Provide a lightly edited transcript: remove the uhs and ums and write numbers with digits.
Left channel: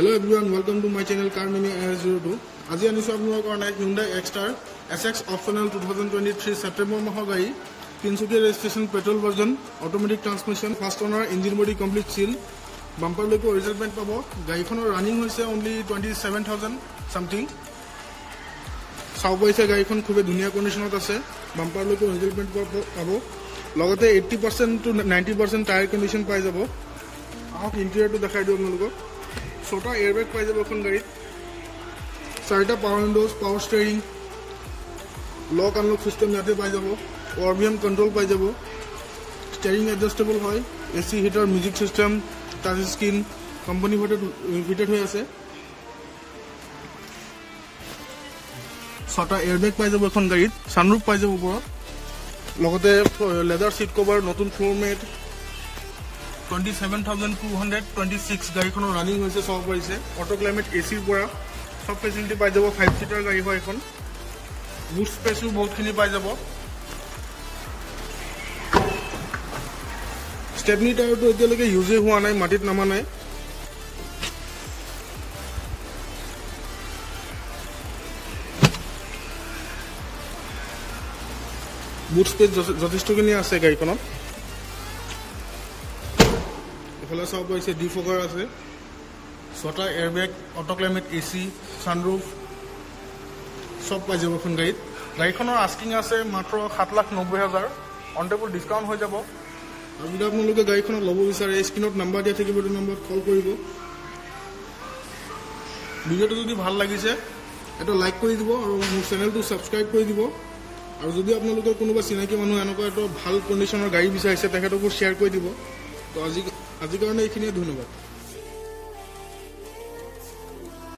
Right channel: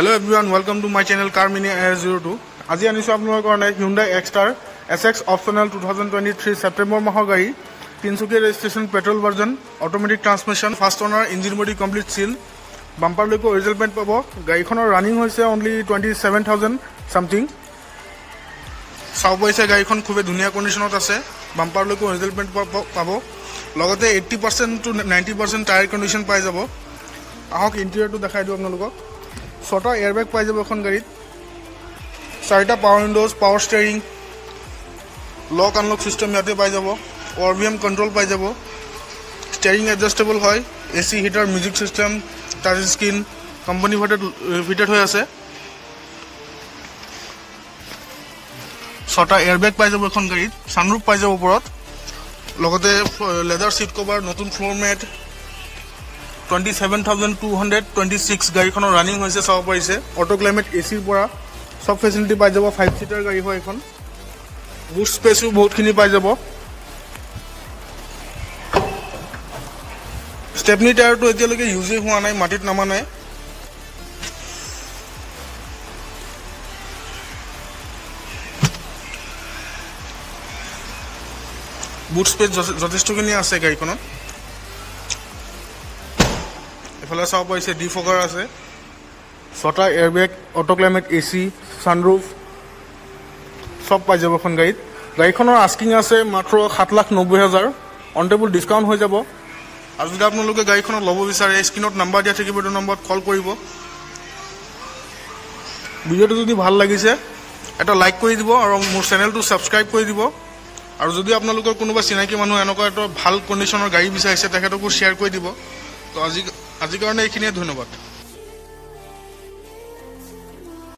Hello everyone, welcome to my channel Car Mini AS02. আজি আনিছো আপোনালোকৰ কাৰণে Hyundai X-Star SX optional 2023 September মাহৰ গাড়ী 300 registration petrol version automatic transmission fast owner engine body complete seal bumper লৈকো original paint পাব গাড়ীখনৰ running হৈছে only 27000 something সাউ পইছে গাড়ীখন খুবে ধুনিয়া কন্ডিশনত আছে bumper লৈকো original paint পাব লগতে 80% to 90% টায়াৰ কন্ডিশন পাই যাব আহক ইন্টেৰিয়ৰটো দেখাই দিও আপোনালোকক ছটা এয়াৰবেগ পাই যাব এখন গাড়ীত চাৰিটা পাৱাৰ উইন্ডোজ পাৱাৰ ষ্টিয়াৰিং লক আনলক সিস্টেম ইয়াতে পাই যাব ORVM কন্ট্ৰোল পাই যাব ষ্টিয়াৰিং এডজাস্টেবল হয় AC heater music system touch screen company fitted হৈ আছে ছটা এয়াৰবেগ পাই যাব এখন গাড়ীত সানৰুফ পাই যাব ওপৰত লগতে লেদাৰ সিট কভাৰ নতুন ফ্লোৰ ম্যাট 27226 গাড়ীখনৰ ৰানিং হৈছে চাও পাইছে অটো ক্লাইমেট এসিৰ পৰা সব ফেসিলিটি পাই যাব 5 সিটাৰ গাড়ী হয় এখন বুট স্পেসও বহুতখিনি পাই যাব স্টেপনি টায়াৰটো এতিয়ালৈকে ইউজে হোৱা নাই মাটিত নামা নাই বুট স্পেস যথেষ্টখিনি আছে গাড়ীখনত এফালে চাও পাইছে ডিফগাৰ আছে ছটা এয়াৰবেগ অটো ক্লাইমেট এসি সানৰুফ সব পাই যাব এখন গাড়ীখনৰ আস্কিং আছে মাত্ৰ 7,90,000 অন টেবল ডিসকাউন্ট হৈ যাব আৰু যদি আপোনালোকে গাড়ীখনৰ ল'ব বিচাৰে স্ক্ৰিনত নাম্বাৰ দিয়া থাকিব এই নম্বৰত কল কৰিব ভিডিওটো যদি ভাল লাগিছে এটা লাইক কৰি দিব আৰু মোৰ চেনেলটো সাবস্ক্ৰাইব কৰি দিব আৰু যদি আপোনালোকৰ কোনোবা চিনাকি মানুহ এনেকুৱা এটা ভাল কন্ডিশনৰ গাড়ী বিচাৰিছে তেখেতকো শেয়াৰ কৰি দিব তো আজি কাৰণে এইখিনিয়ে ধন্যবাদ।